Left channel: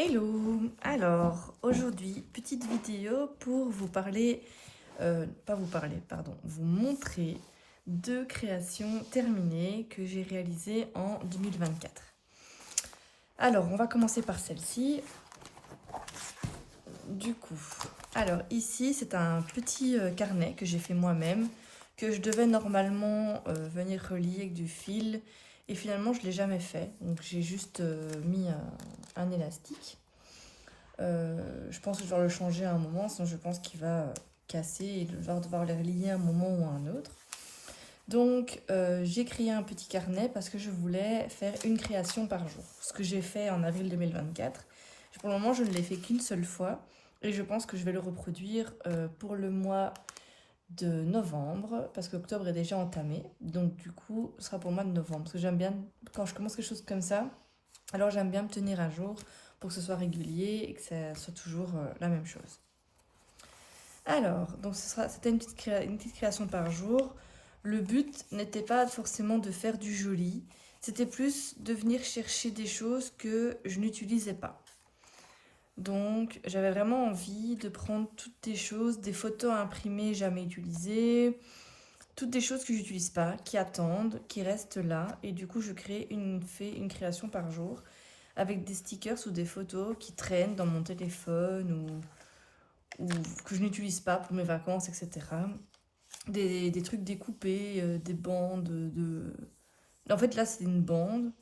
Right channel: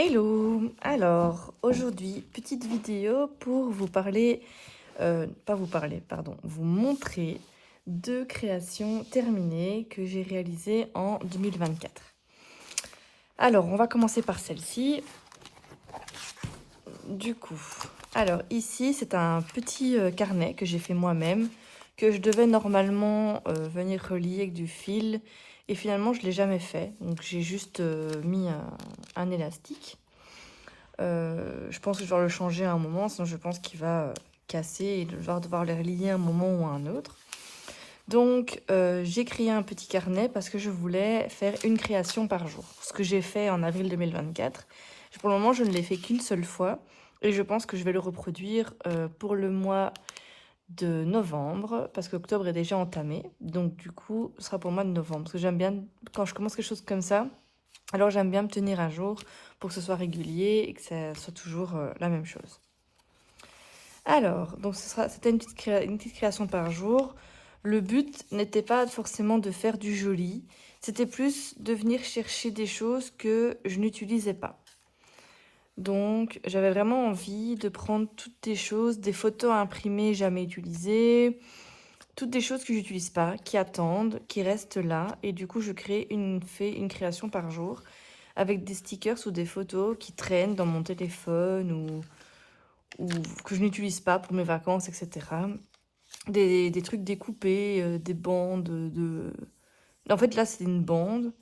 Hello! Alors, aujourd'hui, petite vidéo pour vous parler, vous montrer 2 créations terminées que j'ai réalisées en 2024. Alors, on va commencer par celle-ci. Du coup, alors ici, c'est un petit carnet que j'ai fait moi-même, que je devais normalement venir relier avec du fil, et finalement, je ne l'ai jamais fait. Donc, j'ai juste mis un élastique. Je pense que je vais le changer à un moment, sinon je pense qu'il va casser et je vais devoir le relier à un moment ou à un autre. Donc j'ai créé un petit carnet parce que je voulais faire une création par jour. Ce que j'ai fait en avril 2024. Pour le moment, je ne l'ai fait qu'une seule fois et je pense que je vais le reproduire pour le mois de novembre parce qu'octobre est déjà entamé. Donc du coup, ce sera pour le mois de novembre. Parce que j'aime bien, quand je commence quelque chose comme ça, alors j'aime bien me tenir à jour pour que ce soit régulier et que ça soit toujours la même chose. Alors, donc c'était une petite création par jour. Le but n'était pas forcément de faire du joli, c'était plus de venir chercher des choses que je n'utilisais pas. Donc j'avais vraiment envie de prendre toutes des choses, des photos imprimées jamais utilisées, toutes des choses que j'utilise pas, qui attendent, qui restent là. Et du coup, fais une création par jour avec des stickers ou des photos qui traînent dans mon téléphone ou que je n'utilise pas pour mes vacances, etc. Des trucs découpés, des bandes de... En fait, là, c'est une bande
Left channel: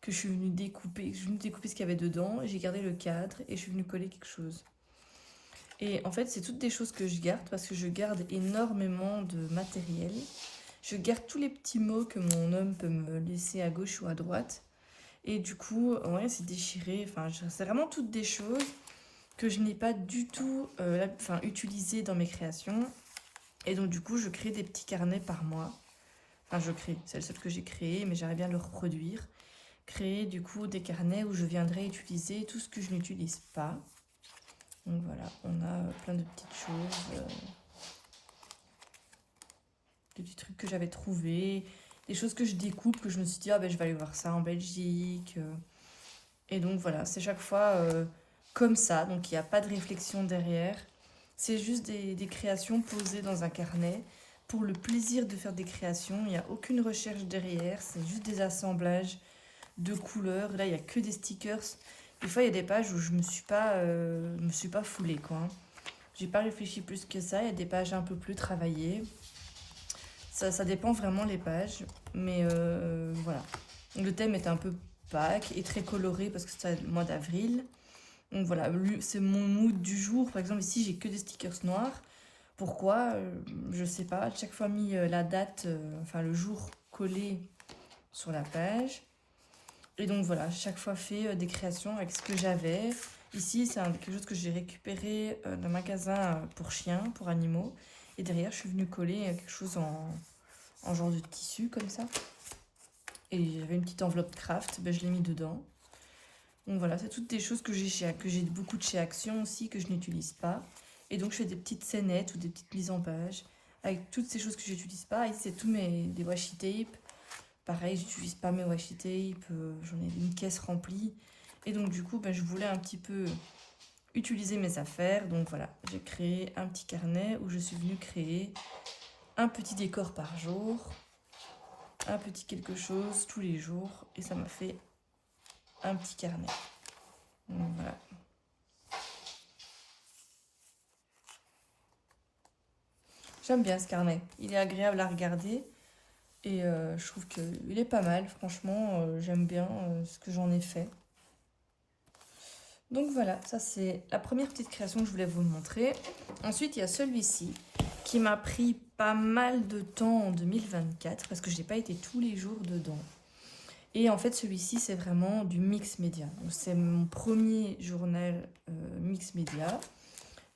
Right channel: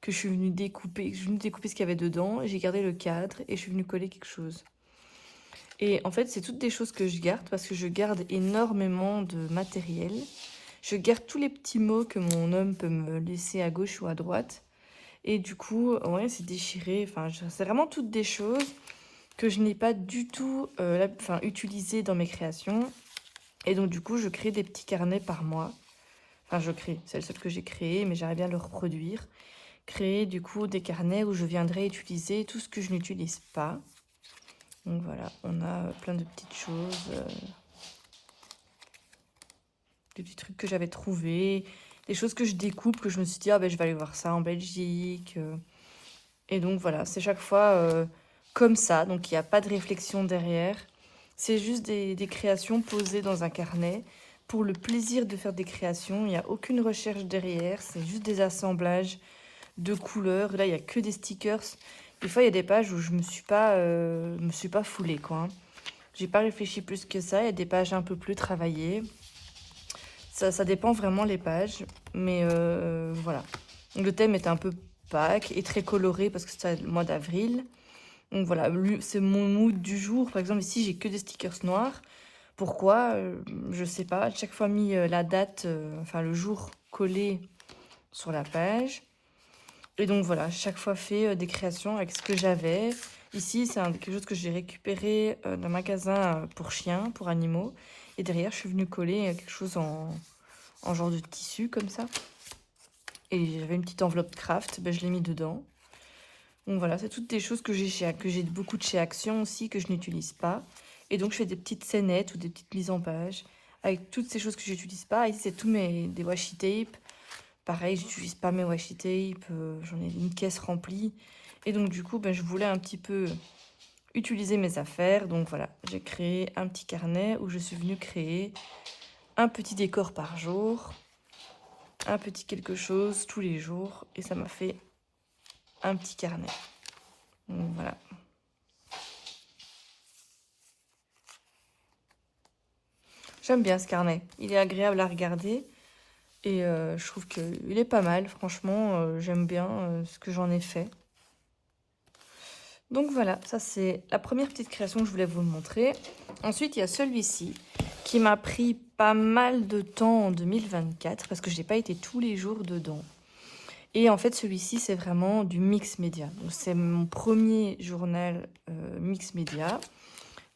que je suis venue découper. Je suis venue découper ce qu'il y avait dedans. J'ai gardé le cadre et je suis venue coller quelque chose. Et en fait, c'est toutes des choses que je garde parce que je garde énormément de matériel. Je garde tous les petits mots que mon homme peut me laisser à gauche ou à droite. Et du coup, ouais, c'est déchiré. Enfin, c'est vraiment toutes des choses que je n'ai pas du tout utilisées dans mes créations. Et donc, du coup, je crée des petits carnets par mois. Enfin, c'est le seul que j'ai créé, mais j'aimerais bien le reproduire. Créer, du coup, des carnets où je viendrai utiliser tout ce que je n'utilise pas. Donc voilà, on a plein de petites choses, des petits trucs que j'avais trouvés, des choses que je découpe, que je me suis dit, ah ben je vais aller voir ça en Belgique. Et donc voilà, c'est chaque fois comme ça, donc il n'y a pas de réflexion derrière. C'est juste des créations posées dans un carnet pour le plaisir de faire des créations. Il n'y a aucune recherche derrière, c'est juste des assemblages de couleurs. Là, il n'y a que des stickers. Des fois, il y a des pages où je me suis pas foulée, quoi, hein. J'ai pas réfléchi plus que ça. Il y a des pages un peu plus travaillées. Ça dépend vraiment les pages. Mais voilà. Le thème est un peu Pâques et très coloré parce que c'est le mois d'avril. Donc voilà, c'est mon mood du jour. Par exemple, ici, j'ai que des stickers noirs. Pourquoi? Je sais pas. Chaque fois mis la date, enfin le jour collé sur la page. Et donc voilà, chaque fois fait des créations avec ce que j'avais. Ici, c'est quelque chose que j'ai récupéré d'un magasin pour chiens, pour animaux. Et derrière, je suis venue coller quelque chose en genre de tissu comme ça. Et j'avais une petite enveloppe craft, ben, je l'ai mis dedans. Donc voilà, c'est toutes des choses que j'ai beaucoup de chez Action aussi, que je n'utilise pas. Et donc je fais des petites scénettes ou des petites mises en page avec toutes ces choses que je n'utilise pas. Ici, c'est des washi tape. Pareil, j'utilise pas mes washi tape, j'en ai une caisse remplie. Et donc du coup, ben, je voulais un petit peu utiliser mes affaires. Donc voilà, j'ai créé un petit carnet où je suis venue créer un petit décor par jour, un petit quelque chose tous les jours. Et ça m'a fait un petit carnet. Donc voilà. J'aime bien ce carnet. Il est agréable à regarder. Et je trouve qu'il est pas mal. Franchement, j'aime bien ce que j'en ai fait. Donc voilà, ça c'est la première petite création que je voulais vous montrer. Ensuite, il y a celui-ci qui m'a pris pas mal de temps en 2024 parce que je n'ai pas été tous les jours dedans. Et en fait, celui-ci, c'est vraiment du mix média. C'est mon premier journal mix média.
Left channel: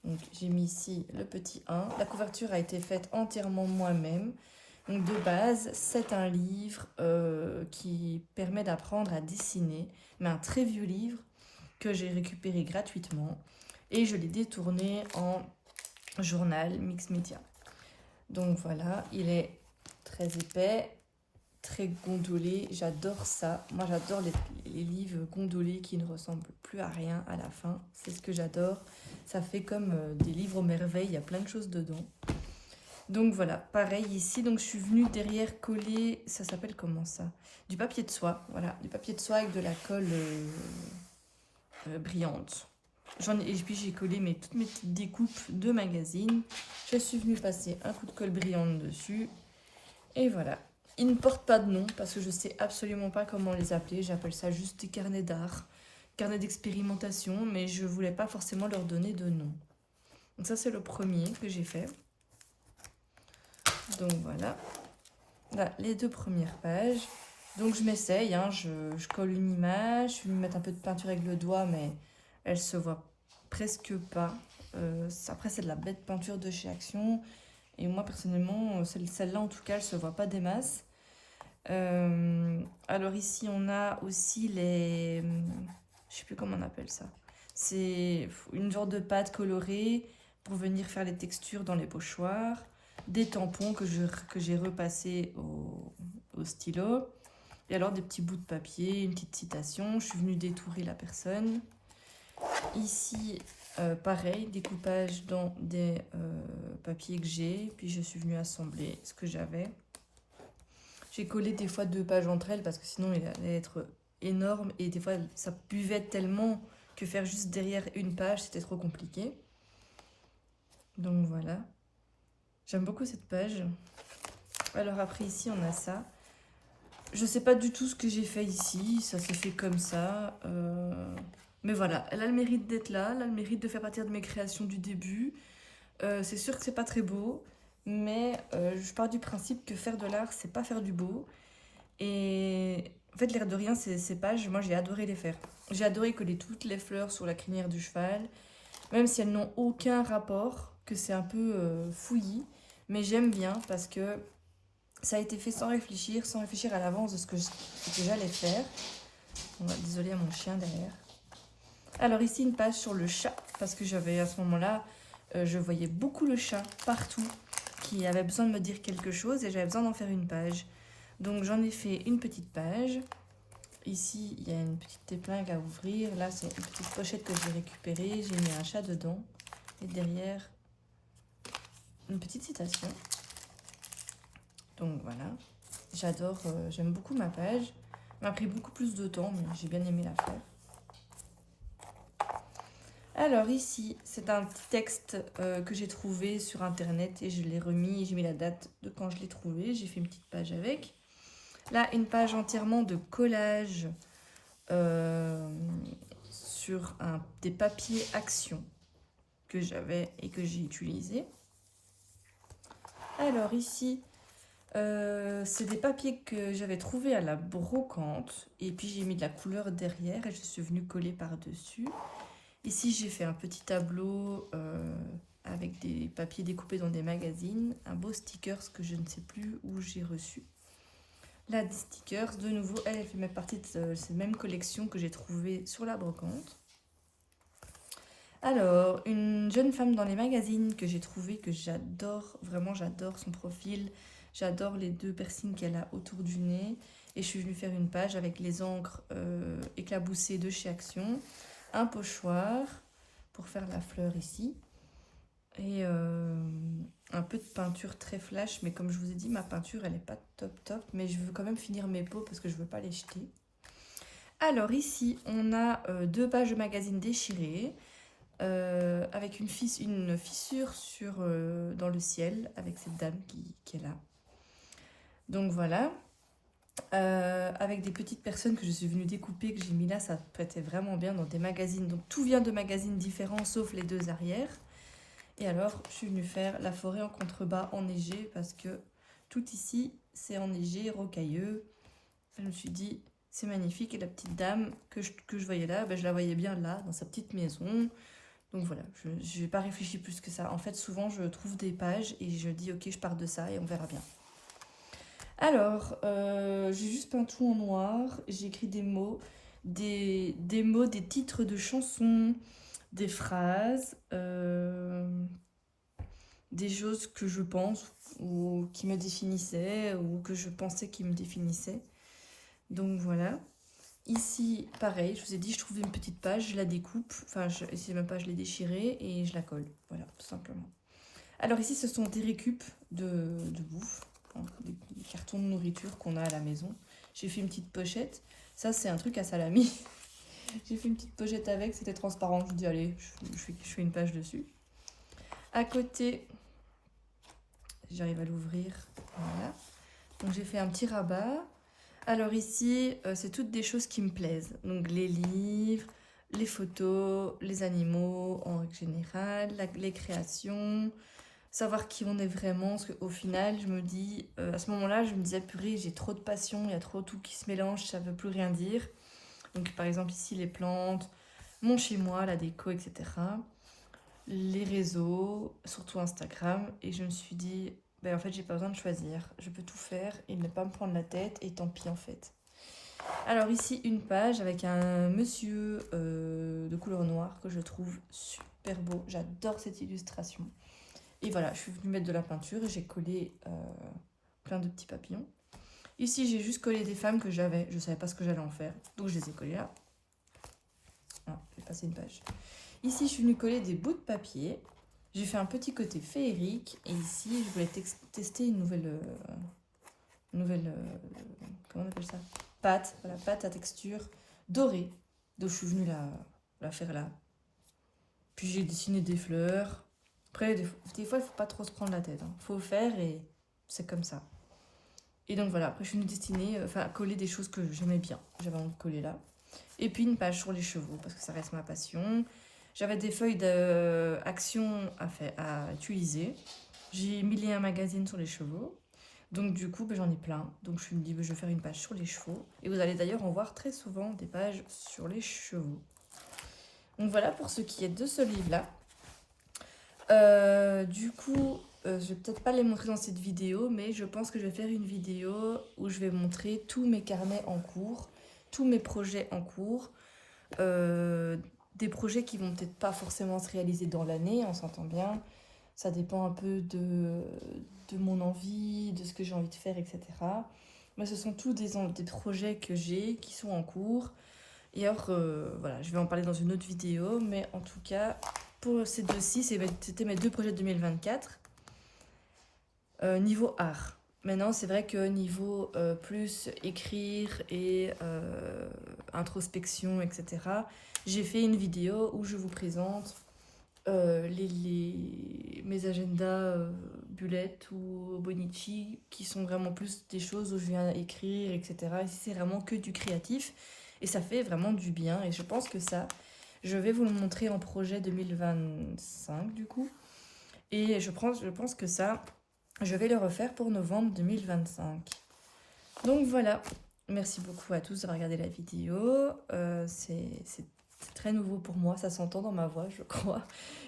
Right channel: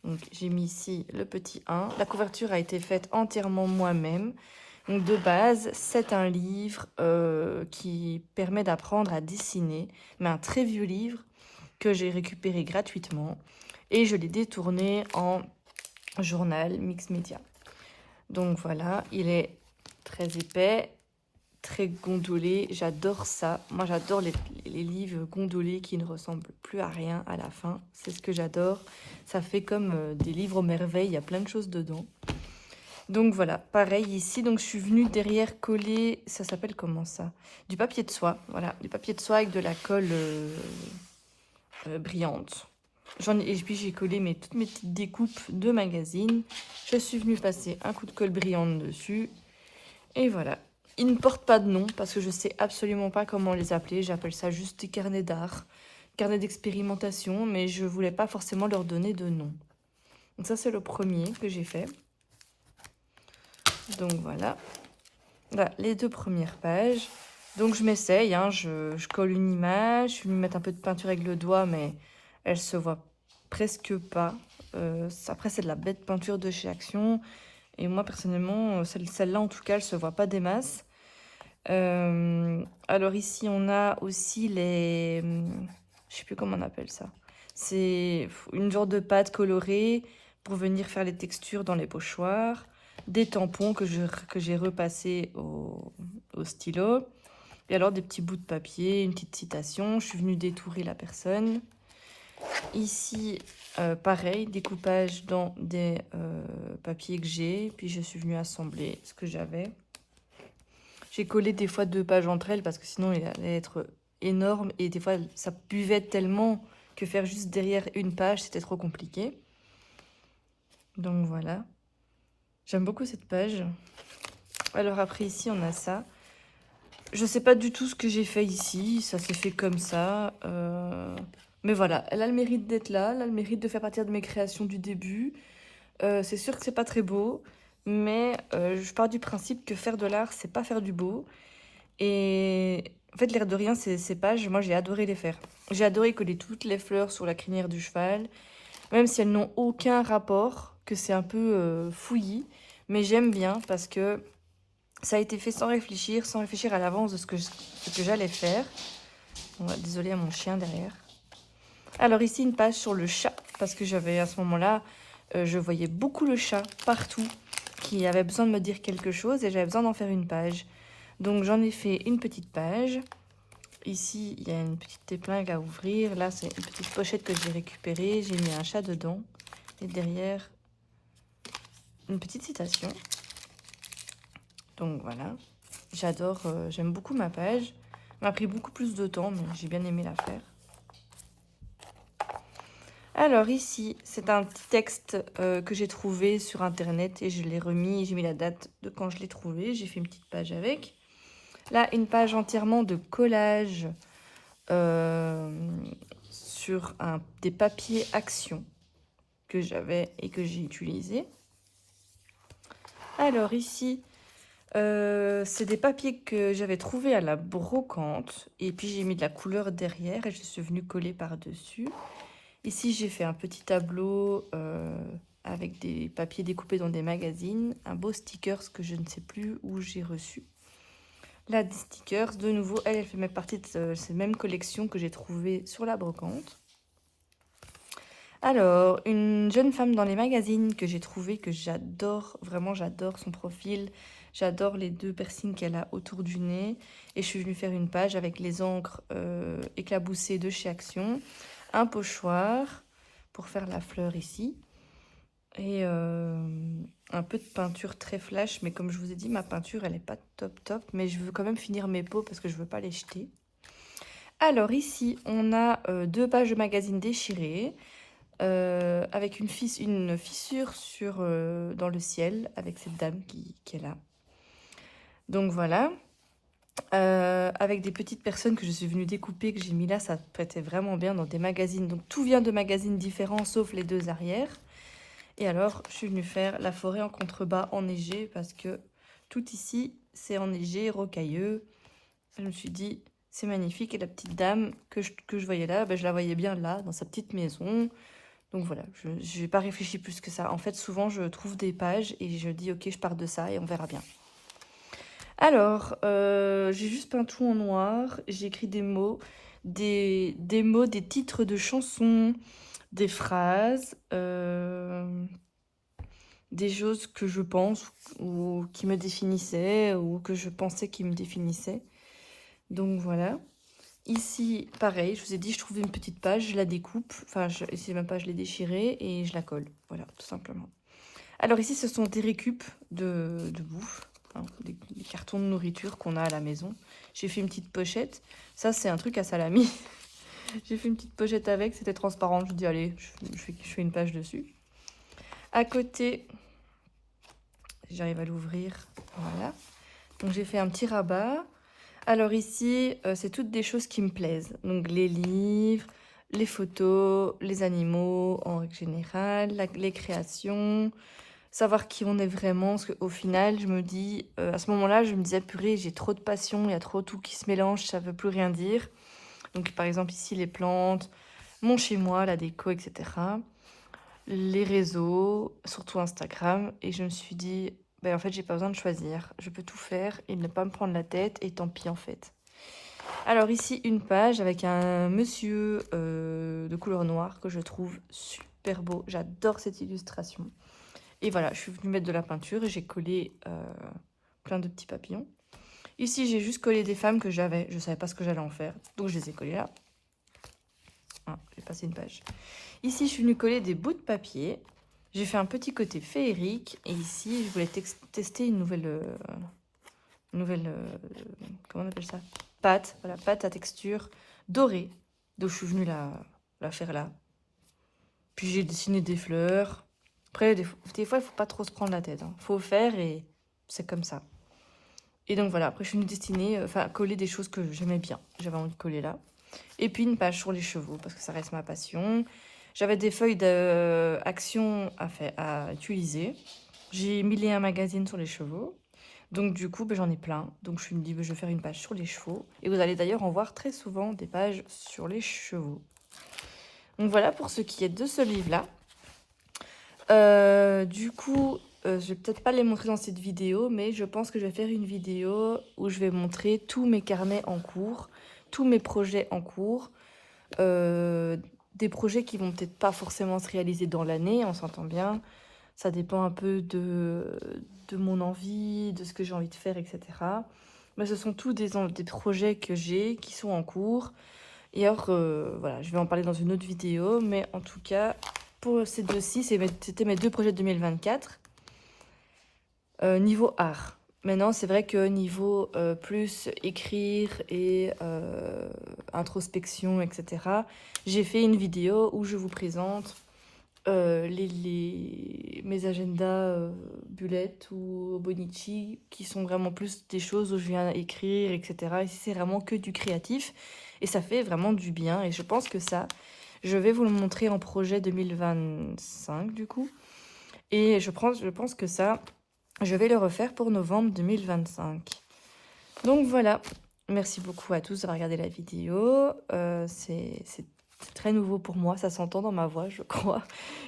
Donc j'ai mis ici le petit 1. La couverture a été faite entièrement moi-même. Donc de base, c'est un livre qui permet d'apprendre à dessiner, mais un très vieux livre que j'ai récupéré gratuitement et je l'ai détourné en journal mix média. Donc voilà, il est très épais, très gondolé. J'adore ça. Moi, j'adore les livres gondolés qui ne ressemblent plus à rien à la fin. C'est ce que j'adore. Ça fait comme des livres merveilles. Il y a plein de choses dedans. Donc voilà, pareil ici. Donc je suis venue derrière coller, ça s'appelle comment ça? Du papier de soie. Voilà, du papier de soie avec de la colle brillante. Et puis j'ai collé toutes mes petites découpes de magazines. Je suis venue passer un coup de colle brillante dessus. Et voilà. Ils ne portent pas de nom parce que je sais absolument pas comment les appeler. J'appelle ça juste des carnets d'art, carnets d'expérimentation, mais je voulais pas forcément leur donner de nom. Donc ça c'est le premier que j'ai fait. Donc voilà. Voilà, les 2 premières pages. Donc je m'essaye, hein, je colle une image, je suis venue mettre un peu de peinture avec le doigt, mais elle se voit presque pas. Après c'est de la bête peinture de chez Action. Et moi personnellement, celle-là en tout cas, elle se voit pas des masses. Alors ici on a aussi les... Je sais plus comment on appelle ça. C'est une genre de pâte colorée pour venir faire les textures dans les pochoirs. Des tampons que j'ai repassés au stylo. Et alors des petits bouts de papier, une petite citation. Je suis venue détourer la personne. Ici, pareil, découpage dans des papiers que j'ai. Puis je suis venue assembler ce que j'avais. J'ai collé des fois 2 pages entre elles parce que sinon il allait être énorme. Et des fois ça buvait tellement que faire juste derrière une page, c'était trop compliqué. Donc voilà. J'aime beaucoup cette page. Alors après ici on a ça. Je sais pas du tout ce que j'ai fait ici. Ça s'est fait comme ça. Mais voilà, elle a le mérite d'être là. Elle a le mérite de faire partie de mes créations du début. C'est sûr que c'est pas très beau. Mais je pars du principe que faire de l'art, c'est pas faire du beau. Et en fait, l'air de rien, ces pages, moi j'ai adoré les faire. J'ai adoré coller toutes les fleurs sur la crinière du cheval, même si elles n'ont aucun rapport, que c'est un peu fouillis. Mais j'aime bien parce que ça a été fait sans réfléchir à l'avance de ce que j'allais faire. Désolée à mon chien derrière. Alors ici, une page sur le chat, parce que j'avais à ce moment-là, je voyais beaucoup le chat partout, qui avait besoin de me dire quelque chose et j'avais besoin d'en faire une page. Donc j'en ai fait une petite page. Ici, il y a une petite épingle à ouvrir. Là, c'est une petite pochette que j'ai récupérée. J'ai mis un chat dedans. Et derrière, une petite citation. Donc voilà. J'adore, j'aime beaucoup ma page. Ça m'a pris beaucoup plus de temps, mais j'ai bien aimé la faire. Alors ici, c'est un petit texte que j'ai trouvé sur internet et je l'ai remis. J'ai mis la date de quand je l'ai trouvé. J'ai fait une petite page avec. Là, une page entièrement de collage sur des papiers Action que j'avais et que j'ai utilisé. Alors ici, c'est des papiers que j'avais trouvés à la brocante et puis j'ai mis de la couleur derrière et je suis venue coller par-dessus. Ici, j'ai fait un petit tableau avec des papiers découpés dans des magazines, un beau stickers que je ne sais plus où j'ai reçu. Là, des stickers, de nouveau, elle fait même partie de cette même collection que j'ai trouvée sur la brocante. Alors, une jeune femme dans les magazines que j'ai trouvée, que j'adore, vraiment j'adore son profil, j'adore les 2 piercings qu'elle a autour du nez. Et je suis venue faire une page avec les encres éclaboussées de chez Action, un pochoir pour faire la fleur ici, et un peu de peinture très flash, mais comme je vous ai dit, ma peinture elle n'est pas top, mais je veux quand même finir mes pots parce que je ne veux pas les jeter. Alors ici, on a 2 pages de magazine déchirées, avec une fissure dans le ciel, avec cette dame qui est là. Donc voilà. Avec des petites personnes que je suis venue découper, que j'ai mis là, ça prêtait vraiment bien dans des magazines. Donc tout vient de magazines différents, sauf les 2 arrières. Et alors, je suis venue faire la forêt en contrebas enneigée, parce que tout ici, c'est enneigé, rocailleux. Je me suis dit, c'est magnifique. Et la petite dame que je voyais là, je la voyais bien là, dans sa petite maison. Donc voilà, je n'ai pas réfléchi plus que ça. En fait, souvent, je trouve des pages et je dis, ok, je pars de ça et on verra bien. Alors, j'ai juste peint tout en noir. J'ai écrit des mots, des titres de chansons, des phrases, des choses que je pense ou qui me définissaient ou que je pensais qui me définissaient. Donc voilà. Ici, pareil, je vous ai dit, je trouve une petite page, je la découpe. Enfin, ici, ma page, je l'ai déchirée et je la colle. Voilà, tout simplement. Alors ici, ce sont des récup de bouffe, hein, des cartons de nourriture qu'on a à la maison. J'ai fait une petite pochette. Ça, c'est un truc à salami. J'ai fait une petite pochette avec, c'était transparent. Je dis, allez, je fais une page dessus. À côté, j'arrive à l'ouvrir. Voilà. Donc j'ai fait un petit rabat. Alors ici, c'est toutes des choses qui me plaisent. Donc les livres, les photos, les animaux en règle générale, les créations, savoir qui on est vraiment. Parce qu'au final, je me dis, à ce moment-là, je me disais, purée, j'ai trop de passion, il y a trop tout qui se mélange, ça ne veut plus rien dire. Donc par exemple ici, les plantes, mon chez-moi, la déco, etc. Les réseaux, surtout Instagram. Et je me suis dit, ben, en fait, j'ai pas besoin de choisir. Je peux tout faire et ne pas me prendre la tête. Et tant pis, en fait. Alors ici, une page avec un monsieur de couleur noire que je trouve super beau. J'adore cette illustration. Et voilà, je suis venue mettre de la peinture et j'ai collé plein de petits papillons. Ici, j'ai juste collé des femmes que j'avais. Je savais pas ce que j'allais en faire. Donc, je les ai collées là. Ah, j'ai passé une page. Ici, je suis venue coller des bouts de papier. J'ai fait un petit côté féerique. Et ici, je voulais tester une nouvelle comment on appelle ça? Pâte. Voilà, pâte à texture dorée. Donc, je suis venue la faire là. Puis, j'ai dessiné des fleurs. Après, des fois, il ne faut pas trop se prendre la tête. Il faut faire et c'est comme ça. Et donc, voilà. Après, je suis venue dessiner, coller des choses que j'aimais bien. J'avais envie de coller là. Et puis, une page sur les chevaux, parce que ça reste ma passion. J'avais des feuilles d'action à utiliser. J'ai mis un magazine sur les chevaux. Donc du coup, j'en ai plein. Donc je me dis, je vais faire une page sur les chevaux. Et vous allez d'ailleurs en voir très souvent des pages sur les chevaux. Donc voilà pour ce qui est de ce livre-là. Du coup, je vais peut-être pas les montrer dans cette vidéo, mais je pense que je vais faire une vidéo où je vais montrer tous mes carnets en cours, tous mes projets en cours. Des projets qui vont peut-être pas forcément se réaliser dans l'année, on s'entend bien. Ça dépend un peu de mon envie, de ce que j'ai envie de faire, etc. Mais ce sont tous des projets que j'ai qui sont en cours. Et alors, voilà, je vais en parler dans une autre vidéo. Mais en tout cas, pour ces deux-ci, c'était mes deux projets de 2024. Niveau art. Maintenant, c'est vrai que niveau plus écrire et introspection, etc., j'ai fait une vidéo où je vous présente mes agendas Bullet ou Bonichi qui sont vraiment plus des choses où je viens écrire, etc. Ici, c'est vraiment que du créatif et ça fait vraiment du bien. Et je pense que ça, je vais vous le montrer en projet 2025 du coup. Et je pense que ça, je vais le refaire pour novembre 2025. Donc voilà, merci beaucoup à tous d'avoir regardé la vidéo. C'est très nouveau pour moi, ça s'entend dans ma voix, je crois,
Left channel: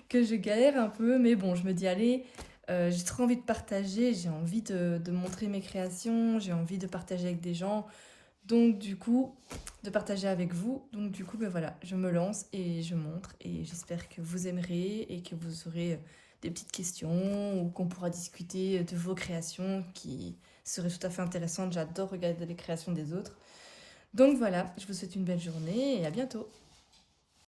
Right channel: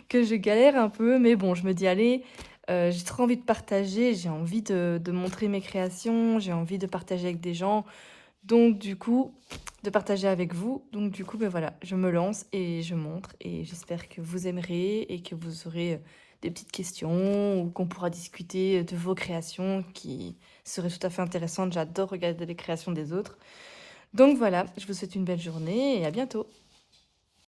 que je galère un peu. Mais bon, je me dis, allez, j'ai trop envie de partager, j'ai envie de montrer mes créations, j'ai envie de partager avec des gens. Donc du coup, de partager avec vous. Donc du coup, voilà, je me lance et je montre. Et j'espère que vous aimerez et que vous aurez des petites questions ou qu'on pourra discuter de vos créations qui seraient tout à fait intéressantes. J'adore regarder les créations des autres. Donc voilà, je vous souhaite une belle journée et à bientôt.